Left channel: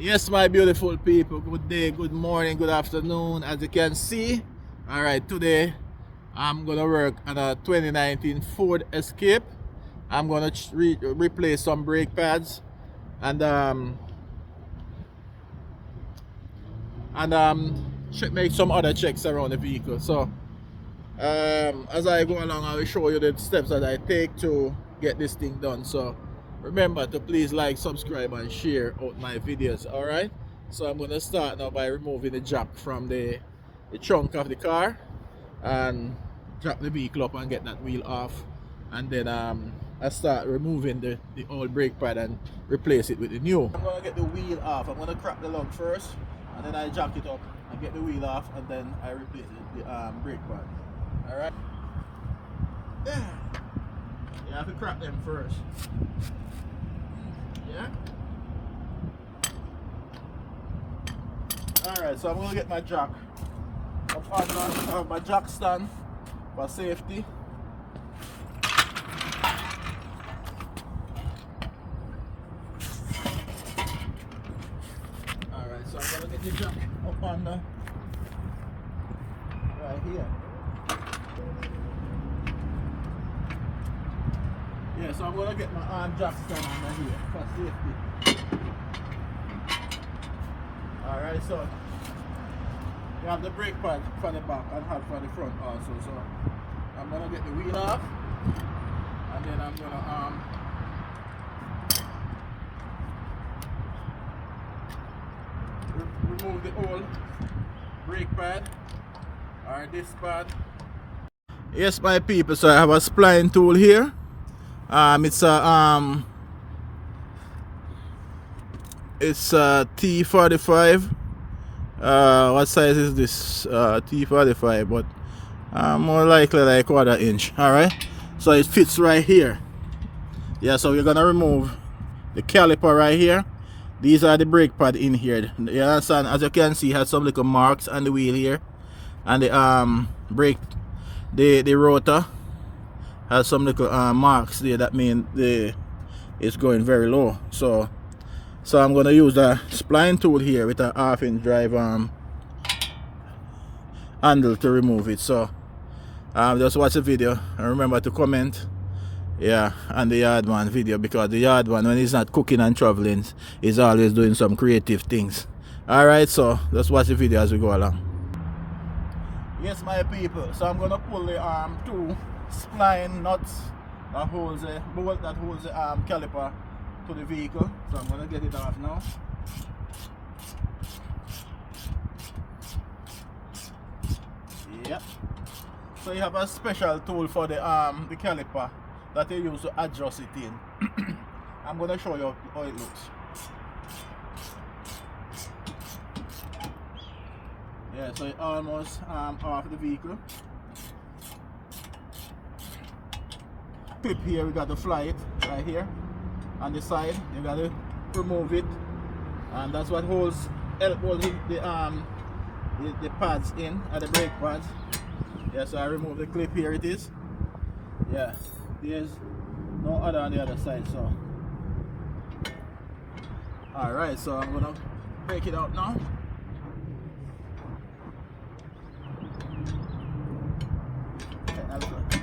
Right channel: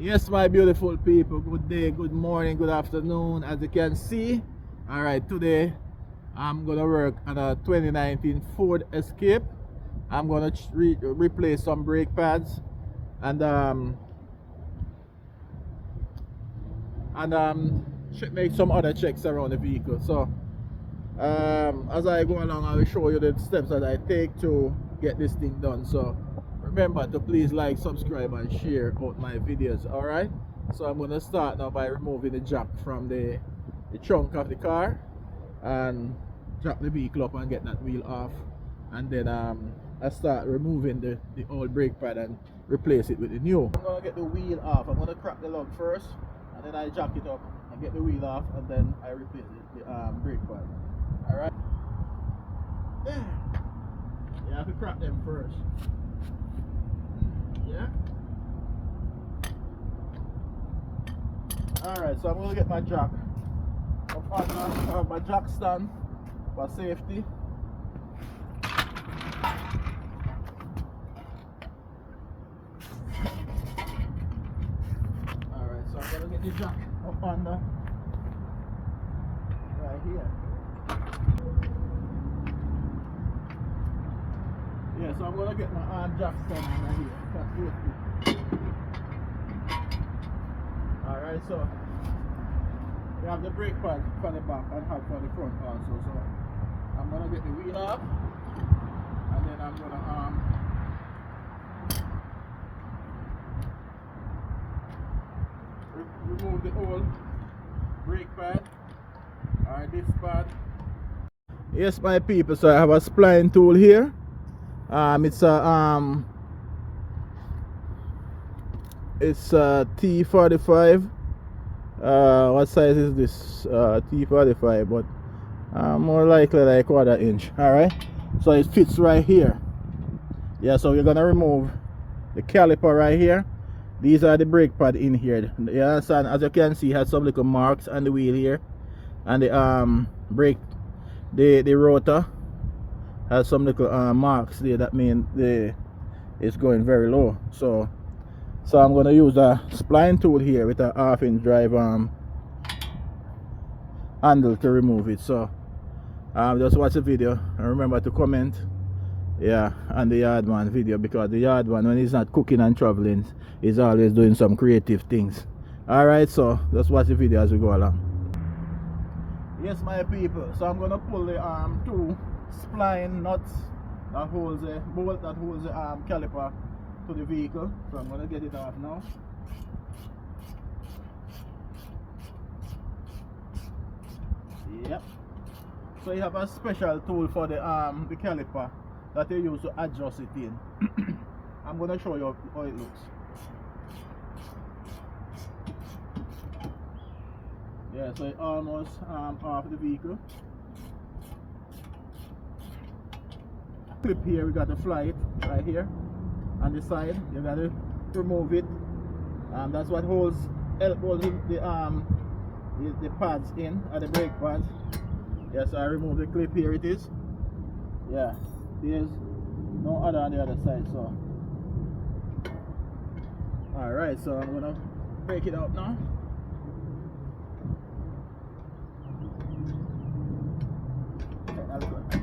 Yes, my beautiful people, good day, good morning, good afternoon. As you can see, all right, today I'm gonna work on a 2019 Ford Escape. I'm gonna replace some brake pads and make some other checks around the vehicle. So as I go along, I will show you the steps that I take to get this thing done. So remember to please like, subscribe and share out my videos. All right, so I'm going to start now by removing the jack from the trunk of the car and jack the vehicle up and get that wheel off, and then I start removing the old brake pad and replace it with the new. I'm going to get the wheel off. I'm going to crack the lug first, and then I jack it up and get the wheel off, and then I replace the brake pad. Alright. You have to crack them first. Yeah. Alright, so I'm gonna get my jack up on my jack stand for safety. Alright, so I'm gonna get the jack up on the right here. Yeah, so I'm gonna get my arm jack stand under here for safety. Alright, so you have the brake pad for the back and hard for the front also. So I'm gonna get the wheel off, and then I'm gonna remove the old brake pad or this pad. Yes, my people, so I have a spline tool here. It's a T45. What size is this? T45, but more likely like 1/4 inch. All right, so it fits right here. Yeah, so we're gonna remove the caliper right here. These are the brake pad in here. You understand? As you can see, it has some little marks on the wheel here, and the brake, the rotor has some little marks there. That means it's going very low. So I'm gonna use a spline tool here with a 1/2 inch drive handle to remove it. So just watch the video and remember to comment, yeah, on the Yardman video, because the Yardman, when he's not cooking and traveling, he's always doing some creative things. All right, so just watch the video as we go along. Yes, my people, so I'm gonna pull the two spline nuts that holds the bolt that holds the caliper to the vehicle. So I'm gonna get it off now. Yep. So you have a special tool for the caliper that you use to adjust it in. I'm gonna show you how it looks. Yeah, so it's almost off the vehicle. Clip here, we got to fly it right here on the side. You got to remove it, and that's what holds the pads in, or the brake pads. Yeah, so I remove the clip here. It is. Yeah, there's no other on the other side. So all right, so I'm gonna break it out now.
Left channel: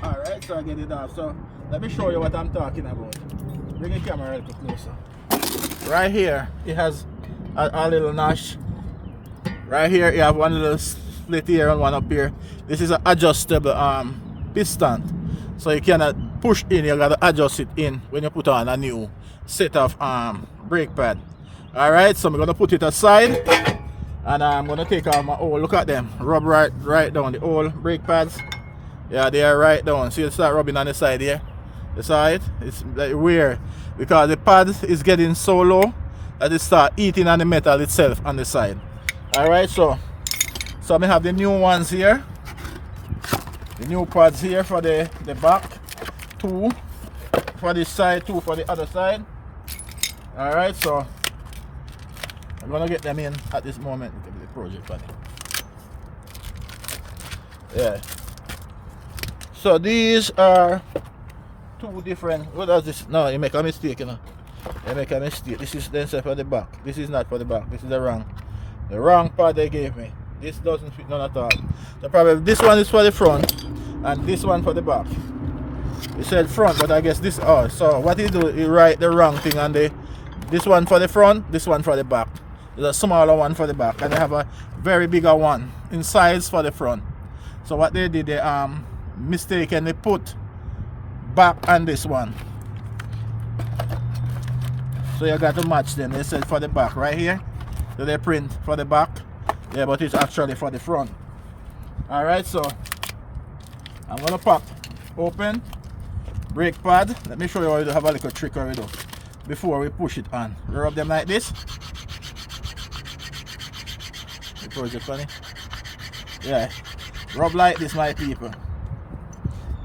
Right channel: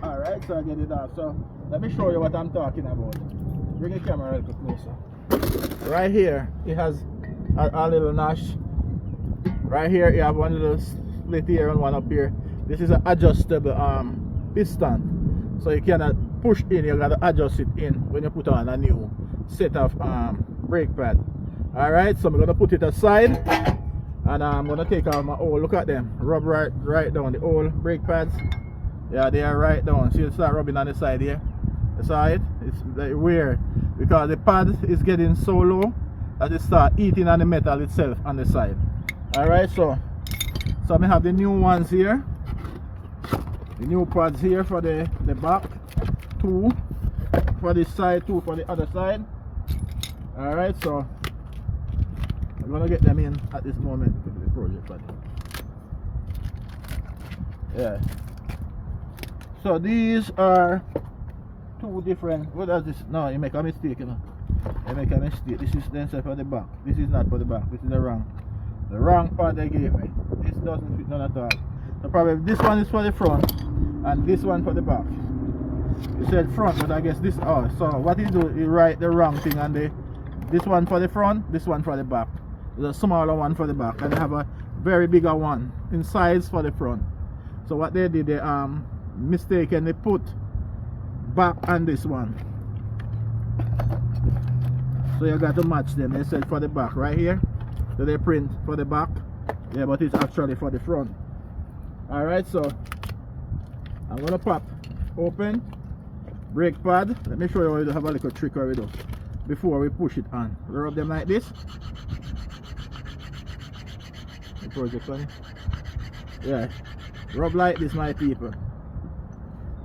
Alright, so I get it off. So let me show you what I'm talking about. Bring the camera a little closer. Right here, it has a little notch. Right here, you have one little slit here and one up here. This is an adjustable piston. So you cannot push in, you gotta adjust it in when you put on a new set of brake pad. Alright, so I'm gonna put it aside, and I'm gonna take off my old, look at them, rub right down the old brake pads. Yeah, they are right down. So you start rubbing on the side here. You saw it? It's like weird because the pad is getting so low that it start eating on the metal itself on the side. Alright, so I have the new ones here. The new pads here for the back. 2 for this side, 2 for the other side. Alright, so I'm gonna get them in at this moment. The project on it. Yeah. So these are 2 different. What does this? No, you make a mistake, you know. They make a mistake. This is then for the back. This is not for the back. This is the wrong part they gave me. This doesn't fit none at all. So probably this one is for the front and this one for the back. It said front, but I guess this. Oh, so what you do, you write the wrong thing on the. This one for the front, this one for the back. There's a smaller one for the back, and they have a very bigger one in size for the front. So what they did, they mistakenly put back on this one. So you got to match them. They said for the back right here. So they print for the back. Yeah, but it's actually for the front. Alright, so I'm gonna pop open brake pad. Let me show you how you have a little trick already before we push it on. Rub them like this. Is it funny? Yeah, rub like this, my people.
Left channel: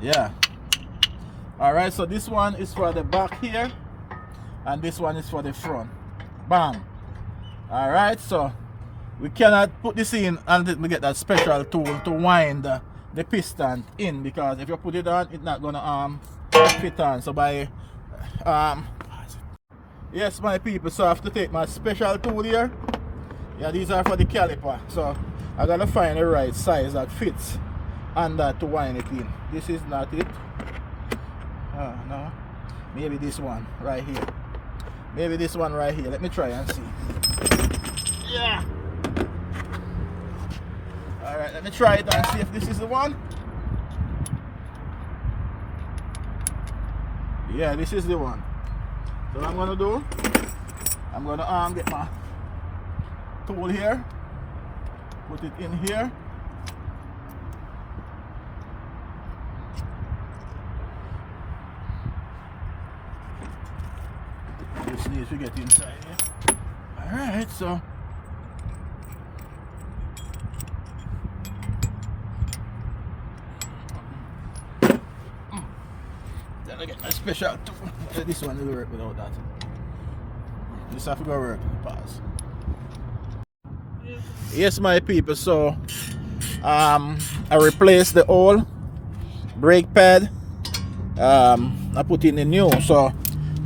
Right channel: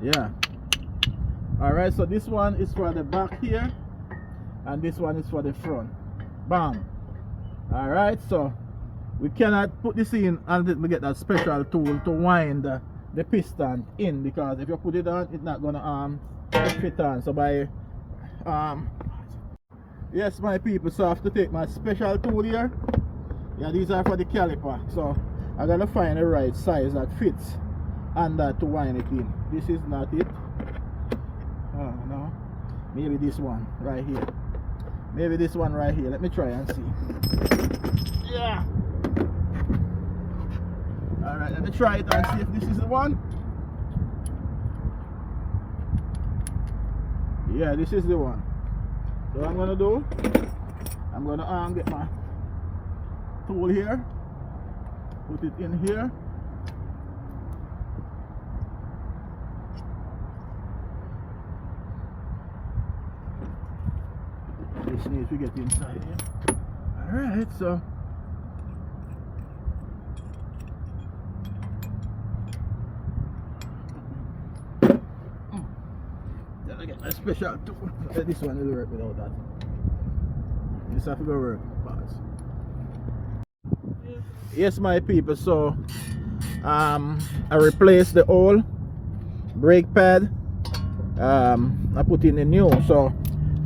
Yeah. Alright, so this one is for the back here and this one is for the front. Bam. Alright, so we cannot put this in until we get that special tool to wind the piston in, because if you put it on, it's not gonna fit on. So by yes, my people, so I have to take my special tool here. Yeah, these are for the caliper, so I gotta find the right size that fits and that to wind it in. This is not it. No, maybe this one right here. Maybe this one right here. Let me try and see. Yeah. All right, let me try it and see if this is the one. Yeah, this is the one. So what I'm gonna do, I'm gonna get my tool here, put it in here. Just need to get inside here. Alright, so then I get my special tool. Yeah, this one will work without that. This have to go work. Pass. Yes, my people, so I replaced the old brake pad. I put in the new. So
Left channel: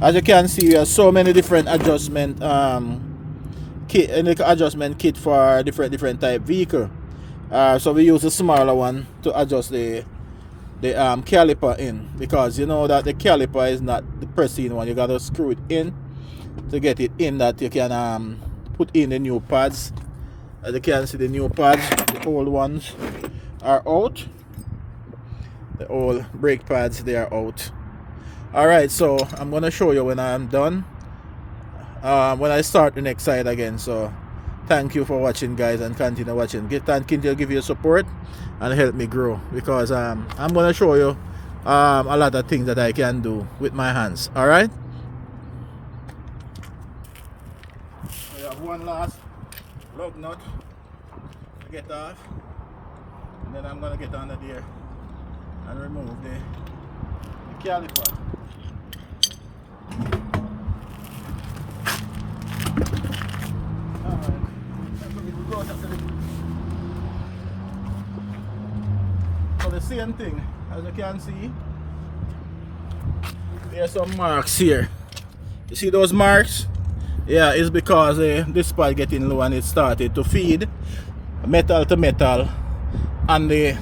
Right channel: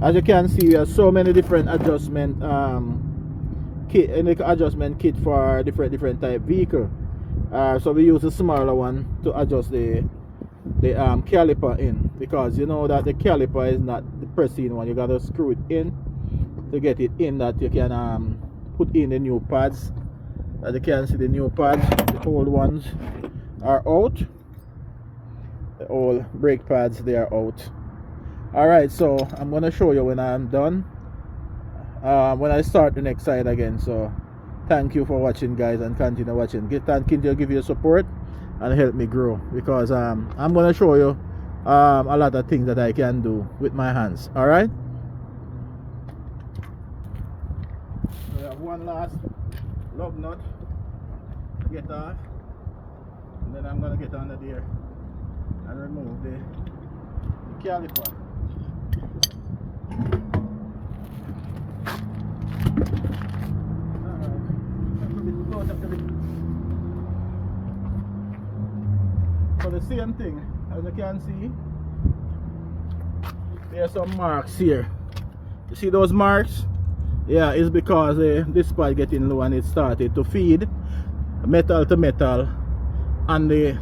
as you can see, we have so many different adjustment kit, and adjustment kit for different type vehicle. So we use a smaller one to adjust the caliper in, because you know that the caliper is not the pressing one. You gotta screw it in to get it in, that you can put in the new pads. As you can see, the new pads, the old ones are out. The old brake pads, they are out. Alright, so I'm gonna show you when I'm done, when I start the next side again. So thank you for watching, guys, and continue watching. Continue to give you support and help me grow, because I'm gonna show you a lot of things that I can do with my hands. Alright, so you have one last lug nut to get off, and then I'm gonna get under there and remove the caliper. So the same thing, as you can see, there's some marks here. You see those marks? Yeah, it's because this part getting low and it started to feed metal to metal on the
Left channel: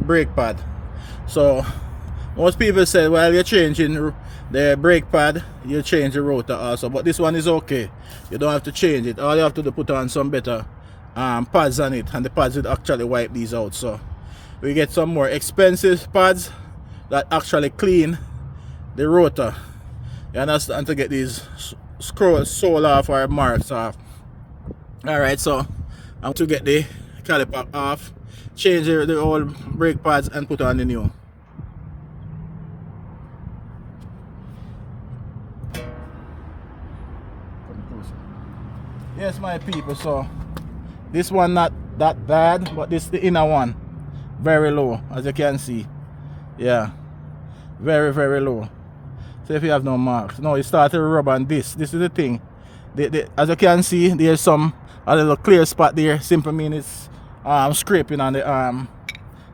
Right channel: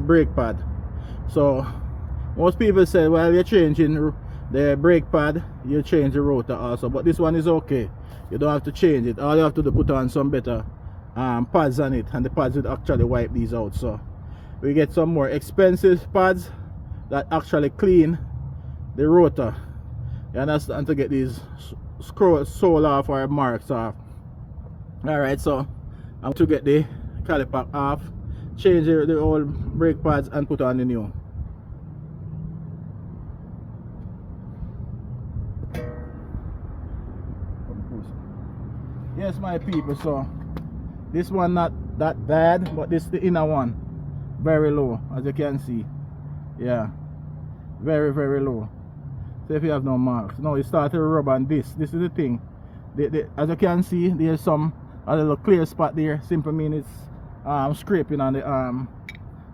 brake pad. So most people say, while you're changing the brake pad, you change the rotor also, but this one is okay. You don't have to change it. All you have to do, put on some better pads on it, and the pads will actually wipe these out. So we get some more expensive pads that actually clean the rotor. You understand, to get these sole off or marks off. Alright, so I'm to get the caliper off, change the old brake pads, and put on the new. Yes, my people, so this one not that bad, but this the inner one, very low, as you can see. Yeah, very low. So if you have no marks, no, you start to rub on this. This is the thing. As you can see, there's a little clear spot there. Simply mean it's scraping on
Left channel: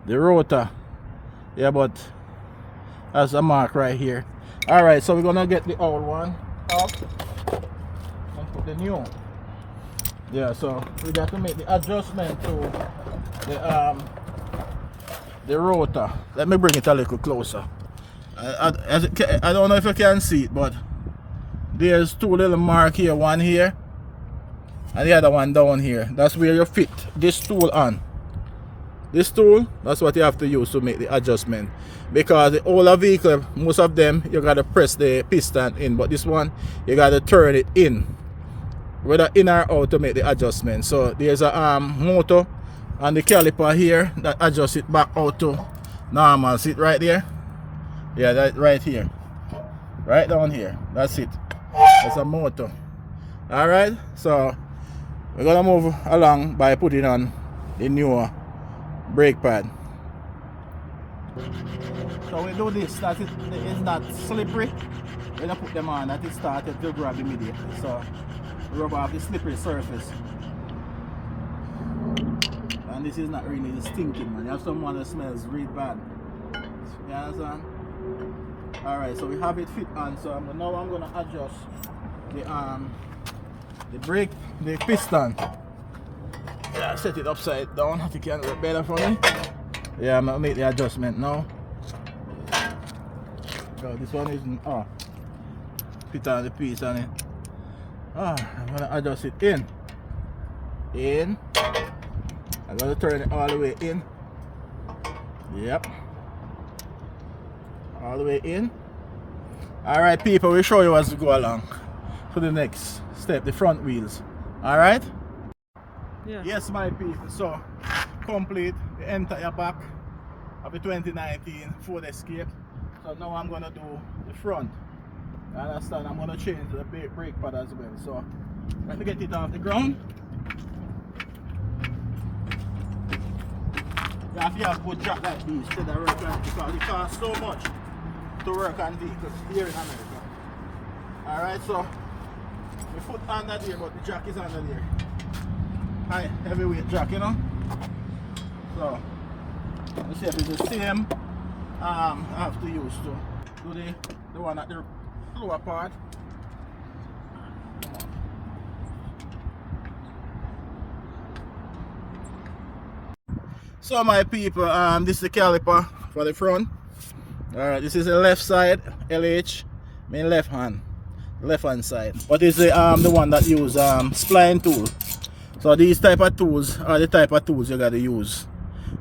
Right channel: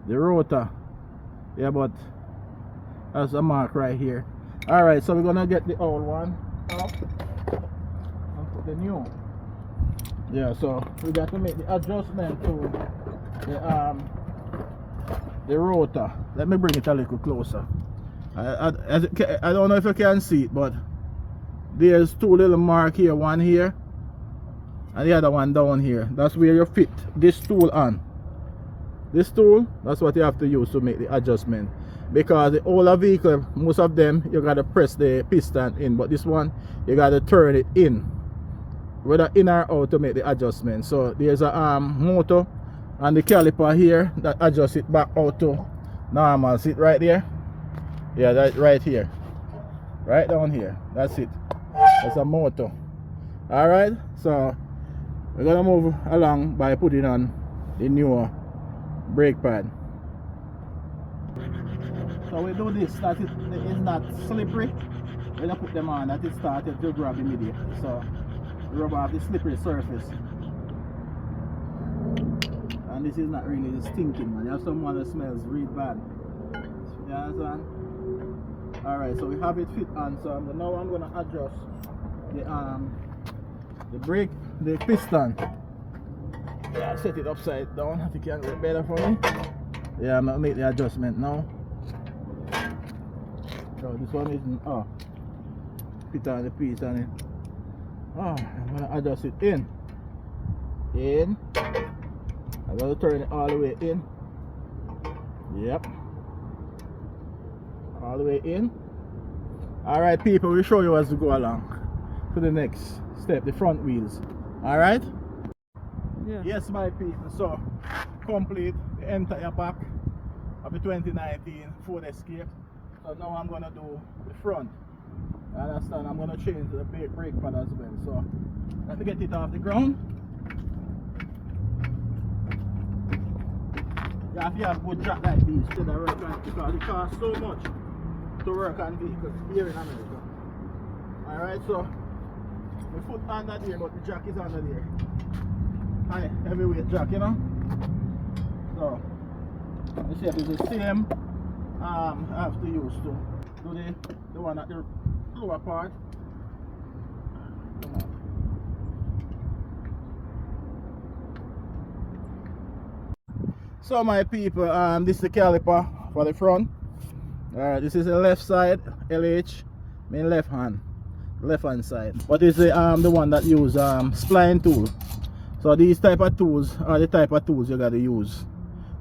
the rotor. Yeah, but that's a mark right here. All right, so we're gonna get the old one off. the new. Yeah, so we got to make the adjustment to the rotor. Let me bring it a little closer. I don't know if you can see it, but there's two little marks here, one here and the other one down here. That's where you fit this tool on. This tool, that's what you have to use to make the adjustment, because the older vehicle, most of them you gotta press the piston in, but this one you gotta turn it in, whether in or out, to make the adjustment. So there's a motor and the caliper here that adjusts it back out to normal. See it right there? Yeah, that right here, right down here. That's it. That's a motor. All right, so we're gonna move along by putting on the newer brake pad. So we do this that it is not slippery. When I put them on, that it started to grab immediately. So we rub off the slippery surface. And this is not really the stinking one. You have someone that smells really bad. You understand? Alright, so we have it fit on. So now I'm gonna adjust the brake, the piston. Yeah, set it upside down. I think you can look better for me. Yeah, I'm gonna make the adjustment now. So this one isn't fit on the piece on it. I'm gonna adjust it in. I'm gonna turn it all the way in. Yep. All the way in. Alright people, we'll show you as we go along to the next step, the front wheels. Alright? Yeah. Yes my people, so complete the entire back of the 2019 Ford Escape. So now I'm gonna do the front. You understand? I'm gonna change the brake pad as well. So let me get it off the ground. You have to have good jack like these instead of work on it, because it costs so much to work on vehicles here in America. Alright, so the foot under there, but the jack is under there. High heavyweight jack, you know. So let's see if it's the same I have to use to do the one at the lower part. Come on. So my people, this is the caliper for the front. Alright, this is the left side, LH, mean left hand side. But it's the one that use spline tool. So these type of tools are the type of tools you gotta use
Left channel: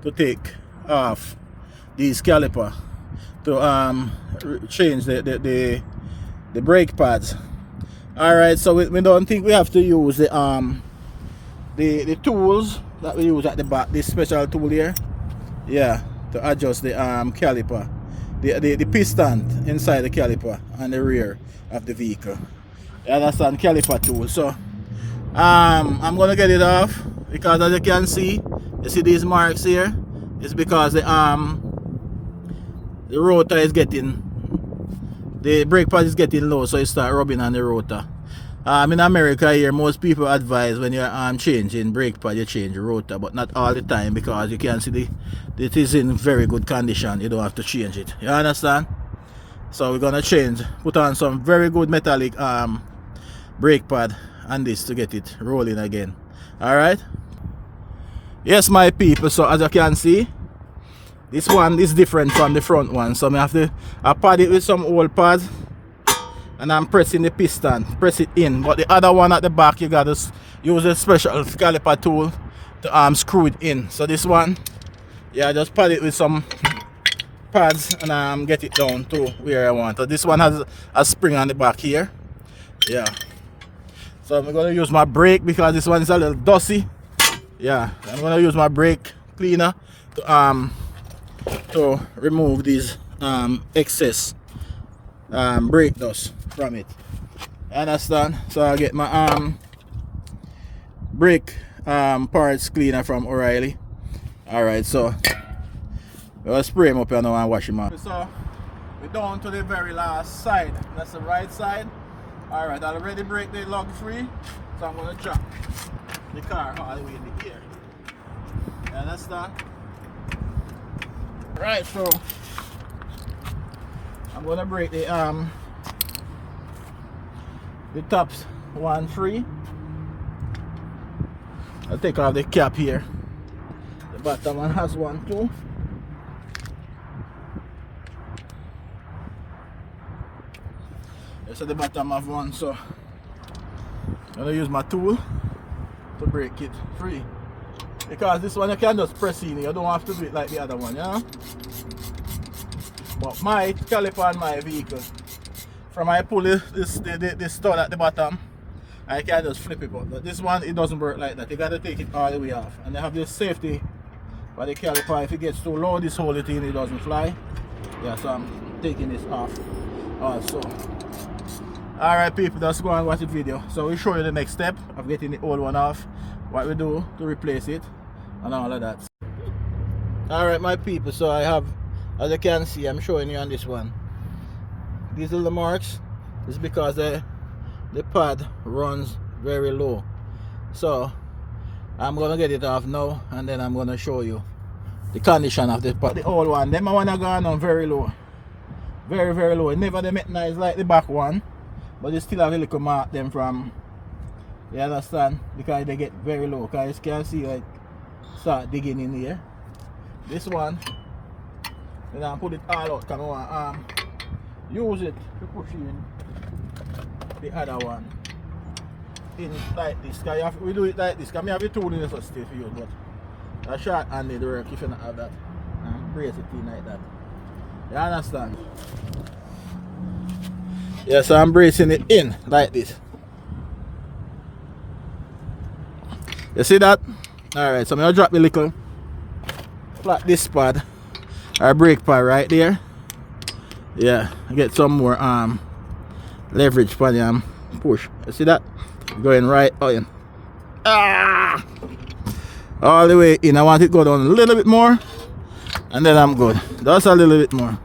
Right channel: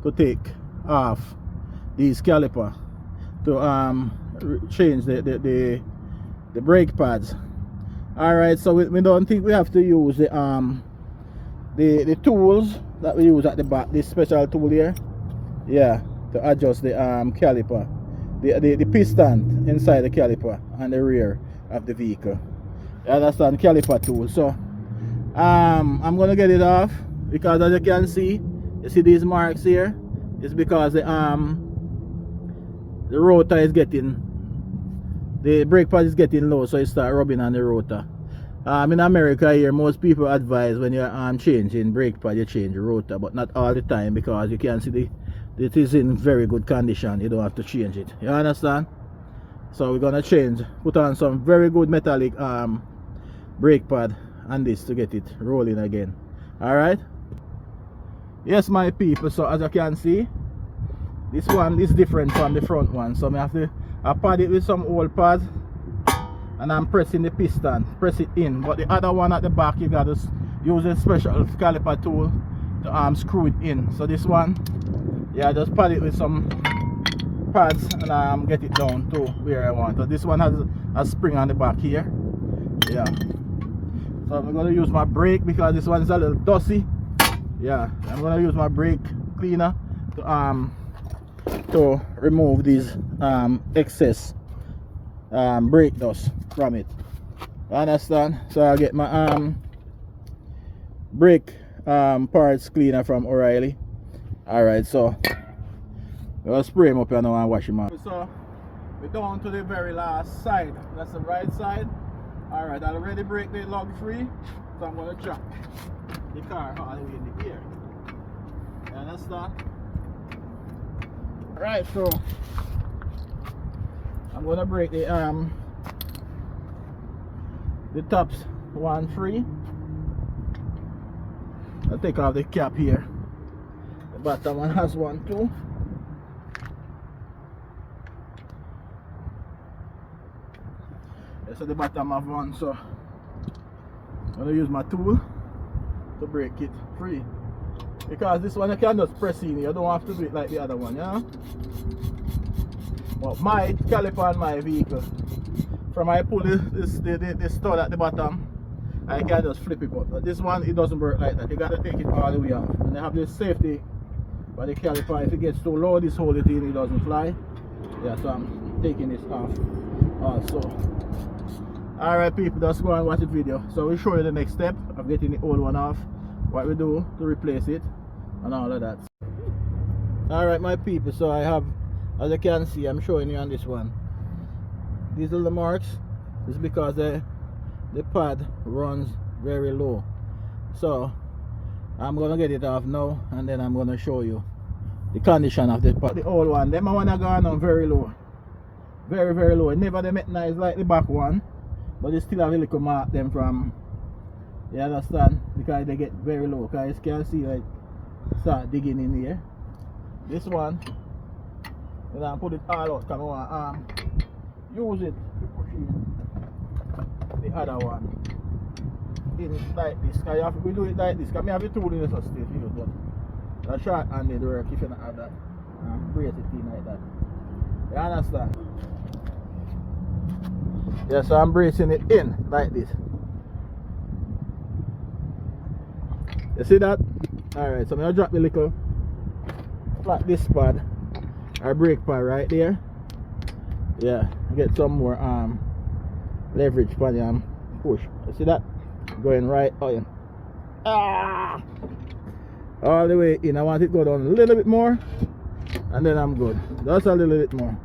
to take off these caliper to change the brake pads. Alright, so we don't think we have to use the tools that we use at the back, this special tool here, yeah, to adjust the caliper, the piston inside the caliper and the rear of the vehicle. You understand? Caliper tool. So I'm gonna get it off, because as you can see, you see these marks here. It's because the rotor is getting, the brake pad is getting low, so you start rubbing on the rotor. In America here, most people advise when you're changing brake pad, you change the rotor, but not all the time, because you can see it is in very good condition. You don't have to change it. You understand? So we're gonna put on some very good metallic brake pad and this to get it rolling again. Alright? Yes my people, so as you can see, this one is different from the front one. So I pad it with some old pads, and I'm pressing the piston, press it in. But the other one at the back, you gotta use a special caliper tool to screw it in. So this one, yeah, just pad it with some pads and get it down to where I want. So this one has a spring on the back here. Yeah. So I'm gonna use my brake, because this one is a little dusty. Yeah, I'm gonna use my brake cleaner to remove these excess brake dust from it. You understand? So I get my brake parts cleaner from O'Reilly. Alright, so we'll spray them up here now and wash them out. So we're down to the very last side. That's the right side. Alright, I already break the lug free, so I'm gonna drop the car all the way in the air. You understand? Right, so I'm gonna break the tops one free. I'll take off the cap here. The bottom one has one too. Yes, at the bottom have one, so I'm gonna use my tool to break it free. Because this one you can just press in, you don't have to do it like the other one, yeah? But my caliper on my vehicle, from I pull this stud at the bottom, I can just flip it out. But this one, it doesn't work like that. You gotta take it all the way off. And they have this safety by the caliper. If it gets too low, this whole thing, it doesn't fly. Yeah, so I'm taking this off also. Alright people, just go and watch the video. So we'll show you the next step of getting the old one off, what we do to replace it, and all of that. Alright my people, so I have, as you can see, I'm showing you on this one. These are the marks. This is because the pad runs very low. So I'm gonna get it off now, and then I'm gonna show you the condition of the pad. The old one, them one are gone on very low. Very, very low. It never they make nice like the back one, but they still have a little mark them from, you understand, because they get very low. Because you can see like start digging in here. This one, then I put it all out. Come on, use it to push in the other one in like this. Cause we do it like this. Because I have the tool in this stiff use, but a short handed work if you don't have that. Brace it in like that. You understand? Yeah, so I'm bracing it in like this. You see that? Alright, so I'm gonna drop the little flat disc pad or brake pad right there. Yeah, get some more leverage for the push. You see that? Going right in. All the way in. I want it to go down a little bit more, and then I'm good. Just a little bit more.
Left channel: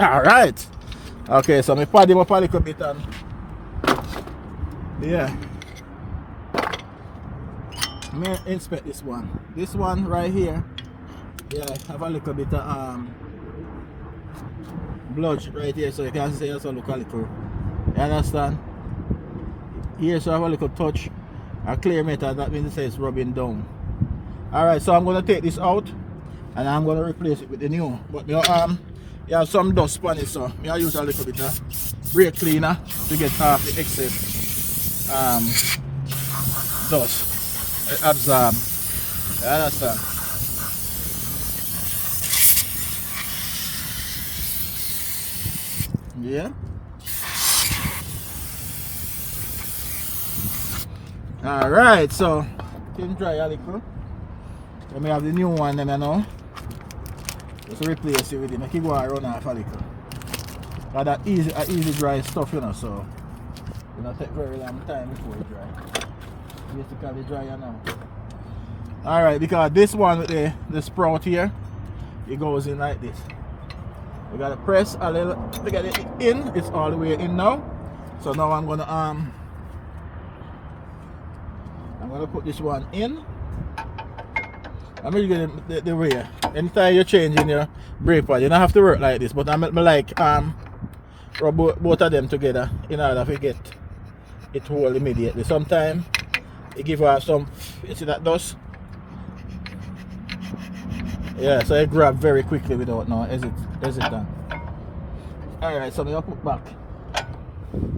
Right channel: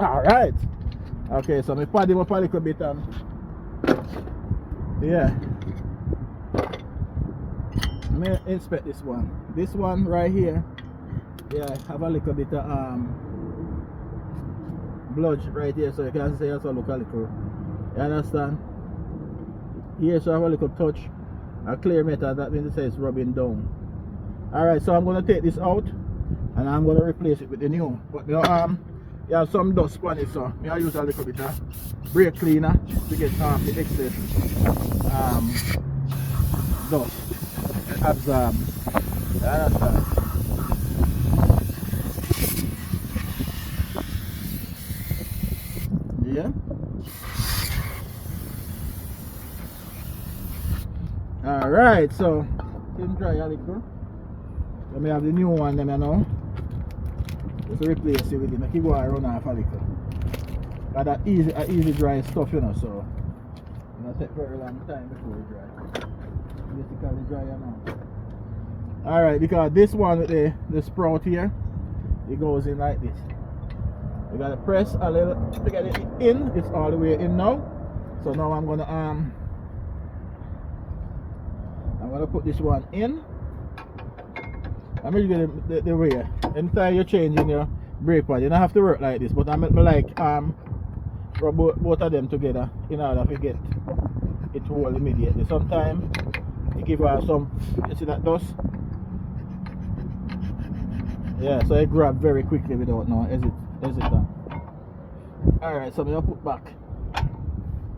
Alright. Okay, so I pad him up a little bit and yeah. Let me inspect this one. This one right here. Yeah, have a little bit of bludge right here, so you can see also look a little. You understand? Here so I have a little touch. A clear metal, that means it says rubbing down. Alright, so I'm gonna take this out and I'm gonna replace it with the new. But you have some dust on it, so I use a little bit of brake cleaner to get off the excess dust. It absorbs. You understand? Yeah. Alright, so can dry a little. Let me have the new one then I know. Just replace it with it. Make it go around off a little. And that easy dry stuff, you know, so it don't take very long time before it dry. Basically dry now. Alright, because this one with the sprout here, it goes in like this. You gotta press a little to get it in. It's all the way in now. So now I'm gonna put this one in. I'm gonna get the way. Anytime you're changing your brake pad, you don't have to work like this, but I like rub both of them together in order to get it hold immediately. Sometimes you give off some, you see that dust? Yeah, so it grab very quickly without no hesitant. Alright, so I'm gonna put back.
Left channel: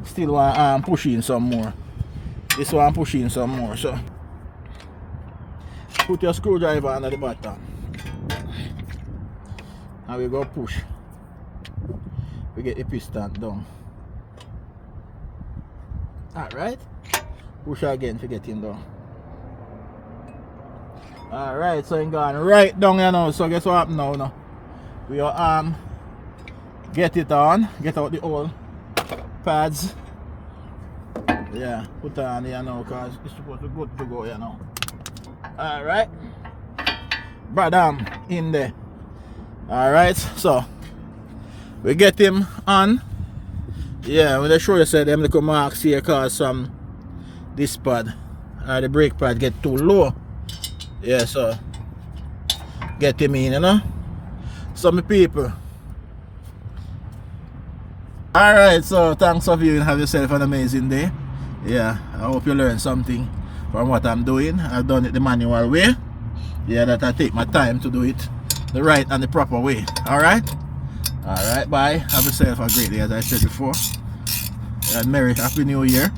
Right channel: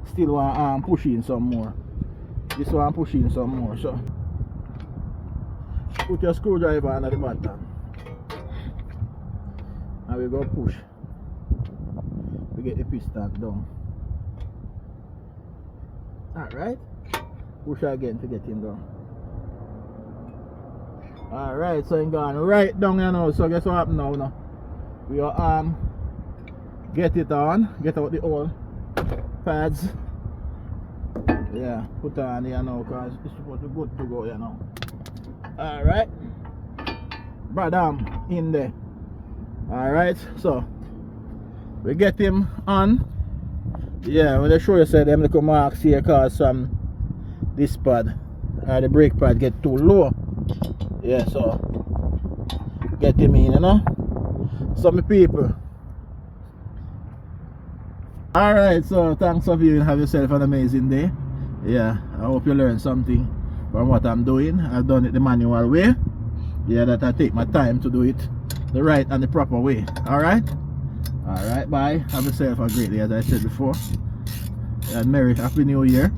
Still want push in some more. This one push in some more, so put your screwdriver under the bottom. And we go push. We get the piston down. Alright. Push again to get in down. Alright, so I'm going right down here now. So guess what happened now? We are get it on, get out the old pads. Yeah, put on here now because it's supposed to be good to go here now. Alright. Bradam in there. Alright, so we get him on. Yeah, when I show you said them little marks here cause this pad the brake pad get too low. Yeah, so get him in, you know. Some people Alright, so thanks for viewing. Have yourself an amazing day. Yeah, I hope you learned something from what I'm doing. I've done it the manual way. Yeah, that I take my time to do it the right and the proper way. Alright? Alright, bye. Have yourself a great day, as I said before. And Merry Happy New Year.